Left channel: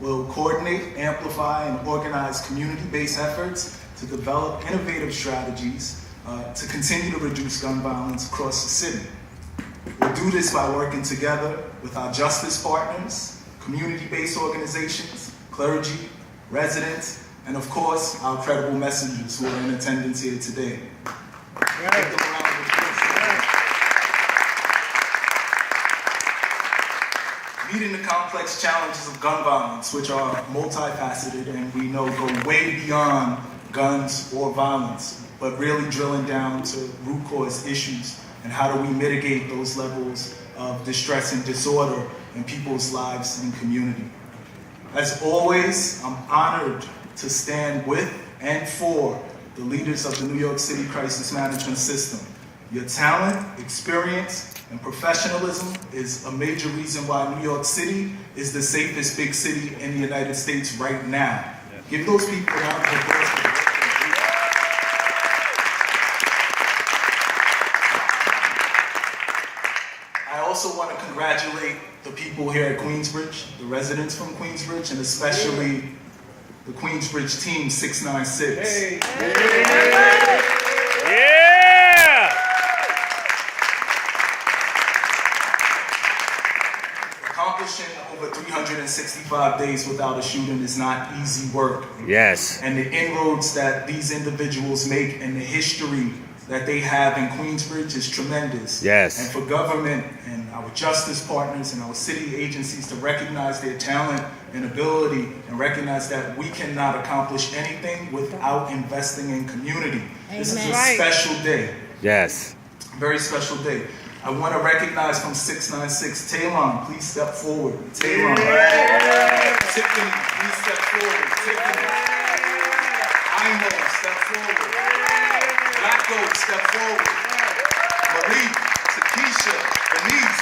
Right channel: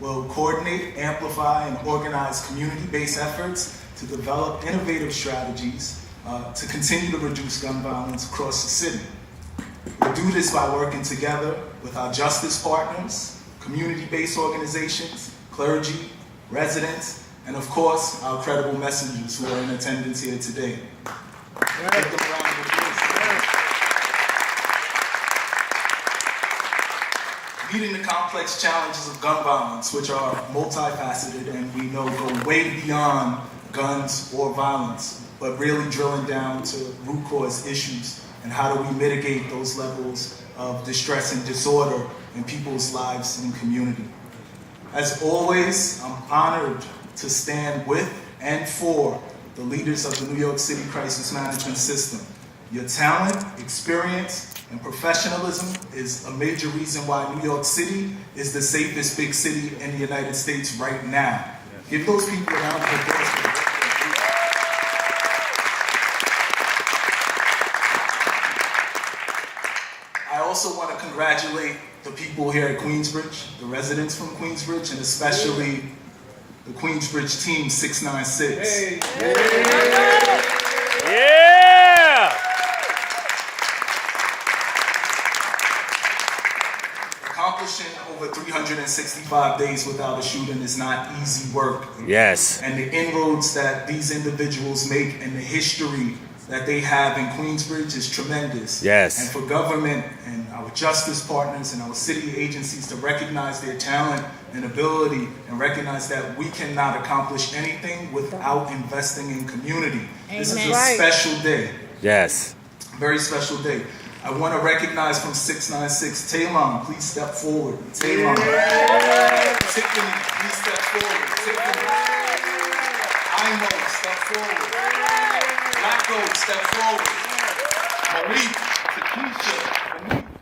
will coordinate, amplify, and organize community-based efforts to develop innovative strategies to continue to reduce gun violence across the city. We'll do this by working together with our justice partners, community-based organizations, clergy, residents, and of course, our credible messengers who are in attendance here today. Give them a round of applause. Meeting the complex challenges of gun violence, which are multifaceted and we know go way beyond guns or violence, but really drilling down to root cause issues and how do we mitigate those levels of distress and disorder in people's lives and community. As always, I'm honored to stand with and for the leaders of the New York City Crisis Management System. Your talent, experience, and professionalism is a major reason why New York City is the safest big city in the United States right now. Give those people a round of applause for the work they do. I also want to congratulate the people here at Queensbridge, the residents from Queensbridge, and especially the Queensbridge team 696. Accomplishing over 365 days without a shooting is not easy work. Yes. And the inroads that these individuals make and the history that they have in Queensbridge is tremendous. Yes. And for government and our justice partners and our city agencies to recognize their talent and ability and recognize that we cannot accomplish anything without investing in community. Amen. This is a special day. Yes. Very special day. I want to recognize from 696, Taylon, please step forward. Taylon. Tiffany, please step forward. Tiffany. Ino, step forward. Blacko, step forward. Malik, Takesha, Denise,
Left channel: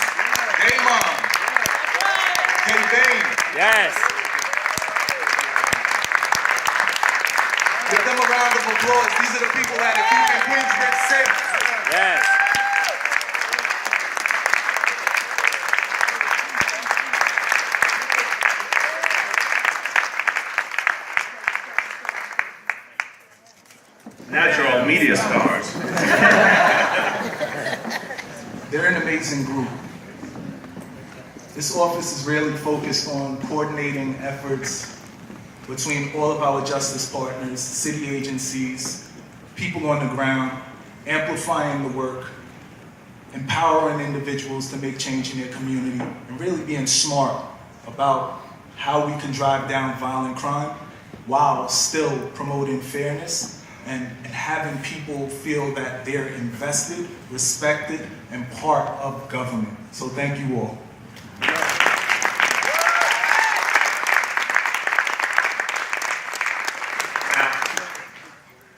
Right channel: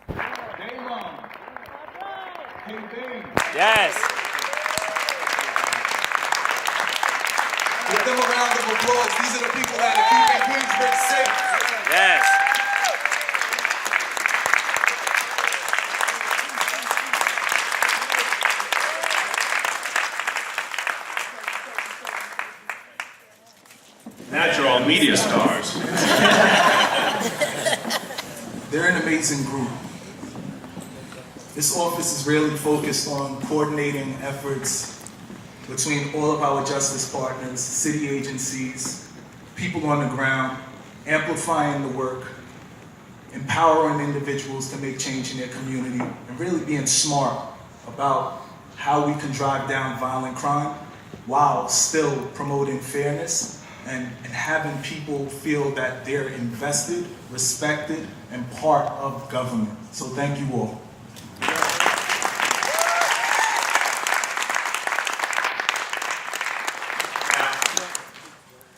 Damon, K-Bane. Yes. Give them a round of applause. These are the people that are keeping Queensbridge safe. Yes. Natural media stars. They're an amazing group. This office is really focused on coordinating efforts between all of our justice partners, city agencies, people on the ground, amplifying the work, empowering individuals to make change in their community, and really being smart about how we can drive down violent crime while still promoting fairness and having people feel that they're invested, respected, and part of government. So thank you all.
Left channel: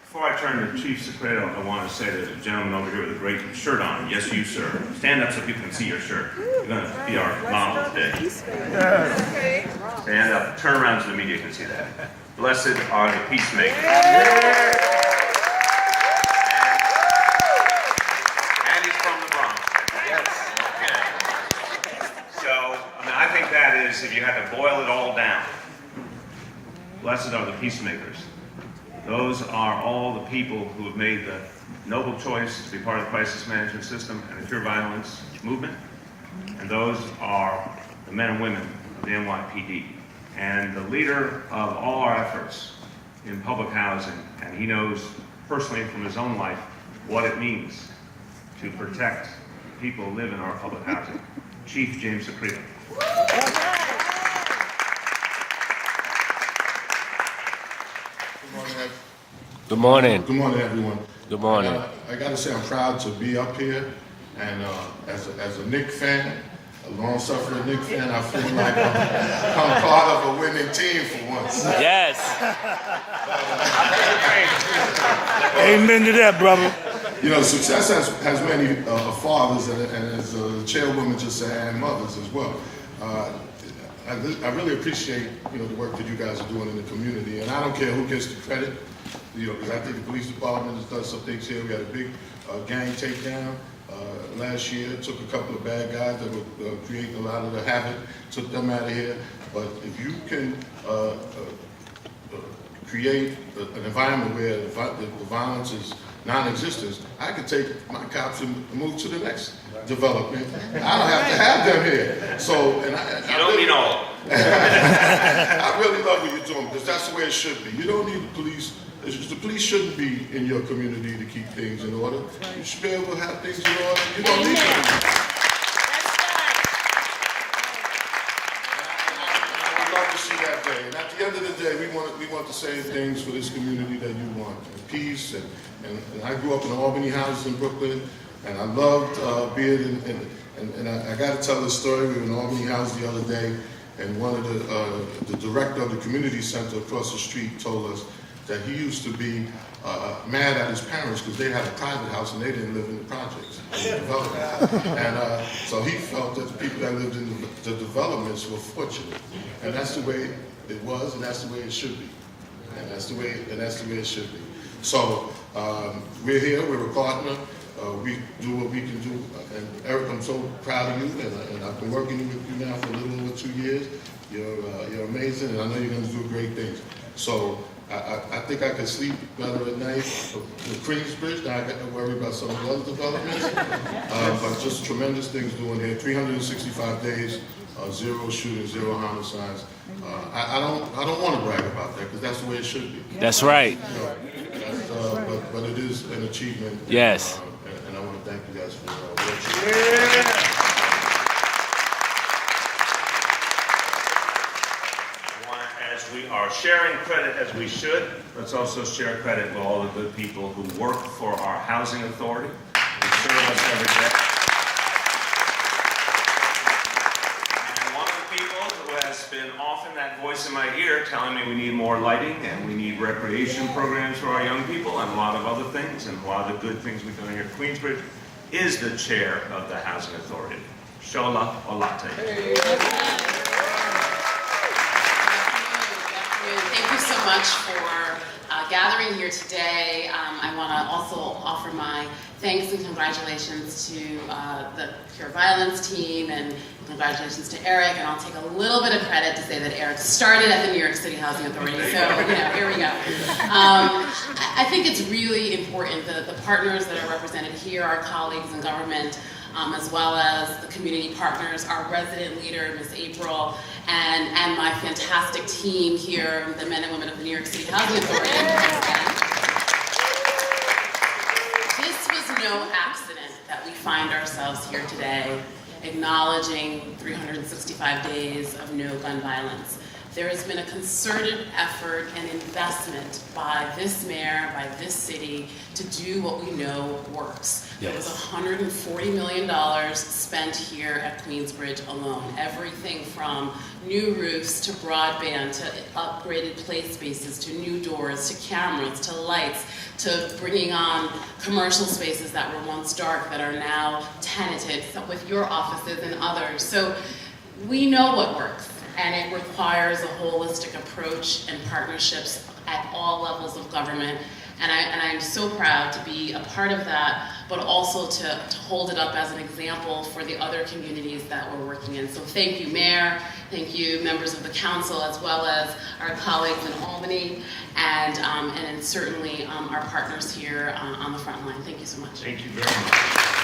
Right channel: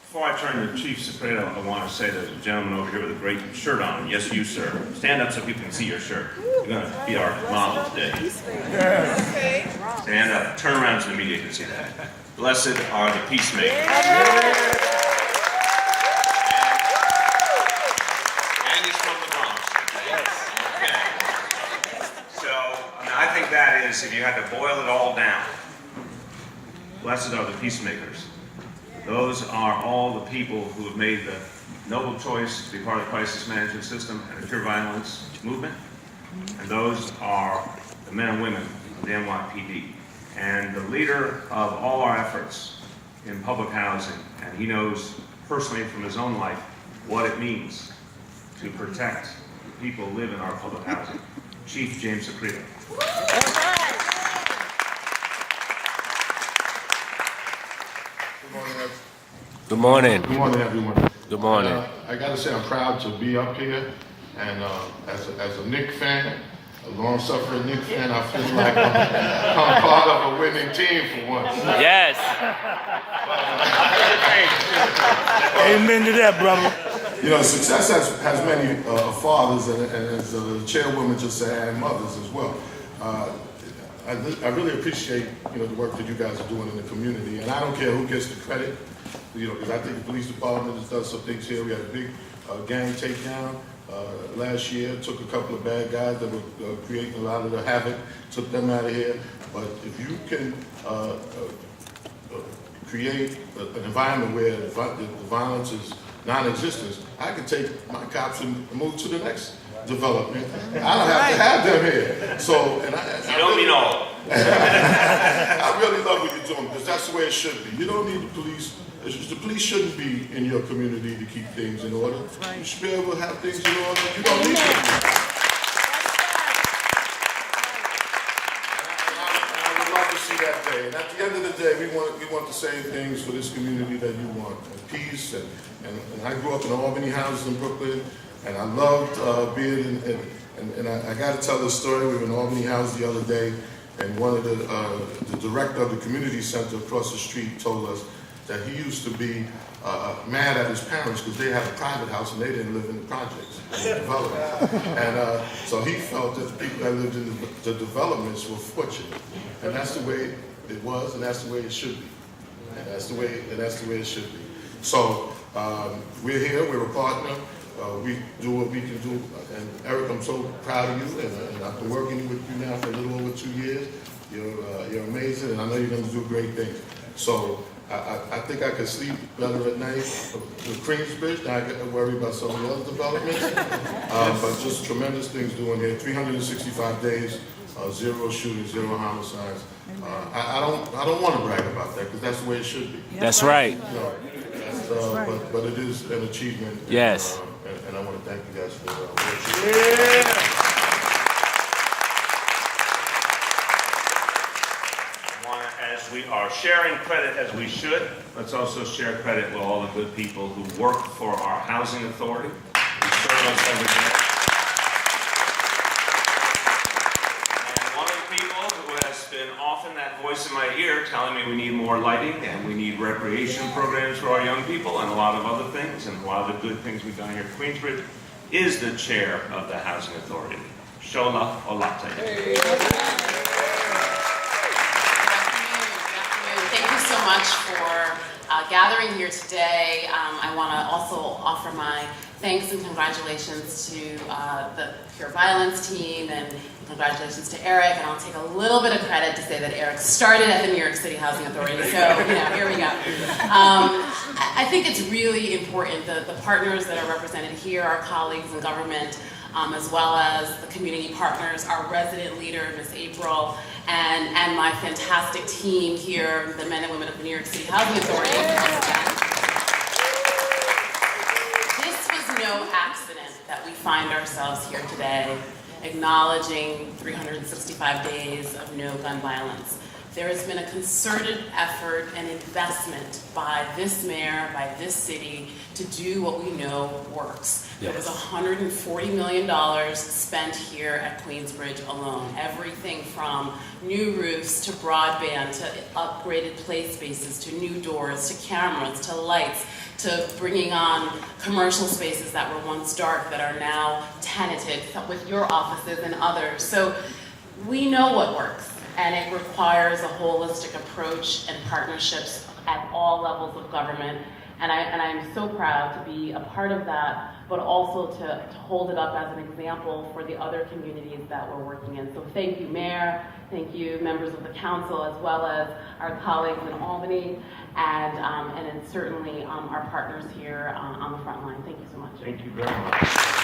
Before I turn to Chief Secreto, I want to say to the gentleman over here with a great shirt on. Yes, you, sir. Stand up so people can see your shirt. You're going to be our model today. Stand up. Turn around so the media can see that. Blessed are the peacemakers. And he's from the Bronx. Yes. Okay. So, I think that is, if you had to boil it all down, blessed are the peacemakers. Those are all the people who have made the noble choice to be part of the crisis management system and the pure violence movement. And those are the men and women of the NYPD. And the leader of all our efforts in public housing, and he knows personally from his own life what it means to protect people who live in our public housing, Chief James Secreto. Good morning. Good morning, everyone. Good morning. I got to say, I'm proud to be up here, and as a Knicks fan, a long-suffering Knicks fan, I feel like I'm part of a winning team for once. Yes. Amen to that, brother. You know, success has many fathers, and as the chairwoman just said, and mothers as well. I really appreciate, the work that you guys are doing in the community, and I don't care who gets the credit, because I think the police department has done some things here. We had a big gang takedown last year, took a couple of bad guys that were creating a lot of the havoc, took them out of here. But if you can create an environment where the violence is non-existent, I can take my cops and move to the next development. I don't have to have them here. So, and You don't mean all. I really love what you're doing because that's the way it should be. You don't need the police. The police shouldn't be in your community to keep things in order. You should be able to have things in order. You don't need them. I would love to see that day. And at the end of the day, we want the same things for this community that you want. Peace. And I grew up in Albany houses in Brooklyn, and I loved being in. And I got to tell this story. We were in Albany House the other day, and one of the director of the community center across the street told us that he used to be mad at his parents because they had a private house and they didn't live in the projects, in the development. And so he felt that the people that lived in the developments were fortunate, and that's the way it was, and that's the way it should be, and that's the way it should be. So we're here. We're a partner. We do what we can do. And Eric, I'm so proud of you, and I've been working with you now for a little over 2 years. You're amazing, and I know you're going to do great things. So I think I can sleep better at night with Queensbridge. Now I got to worry about some of the other developments. But just tremendous things doing there. 365 days, 0 shootings, 0 homicides. I don't want to brag about that because that's the way it should be. That's right. You know, but it is an achievement. Yes. And I want to thank you guys for what you do. As we are sharing credit as we should, let's also share credit with all the good people who work for our housing authority, who serve us every day. And one of the people who has been often that voice in my ear telling me we need more lighting and we need recreation programs for our young people and a lot of other things, and a lot of the good things we've done here at Queensbridge, is the chair of the housing authority, Shola Olate. Thank you so much for gathering here today. I want to also offer my thanks and congratulations to the Pure Violence team, and congratulations to Eric. And I'll take a little bit of credit to say that Eric started at the New York City Housing Authority. So, here we go. I think it's really important that the partners that are represented here, our colleagues in government, as well as the community partners, our resident leader, Ms. April, and my fantastic team here, the men and women of the New York City Housing Authority. This was no accident that we find ourselves here today, acknowledging 365 days of no gun violence. There has been a concerted effort and investment by this mayor, by this city, to do what we know works. Yes. There's $140 million spent here at Queensbridge alone. Everything from new roofs to broadband to upgraded play spaces to new doors to cameras to lights to bringing on commercial spaces that were once dark that are now tenanted with your offices and others. So we know what works. And it requires a holistic approach and partnerships at all levels of government. And I am so proud to be a part of that, but also to hold it up as an example for the other communities that we're working in. So thank you, Mayor. Thank you, members of the council, as well as our colleagues in Albany, and certainly our partners here on the front line. Thank you so much. Thank you very much.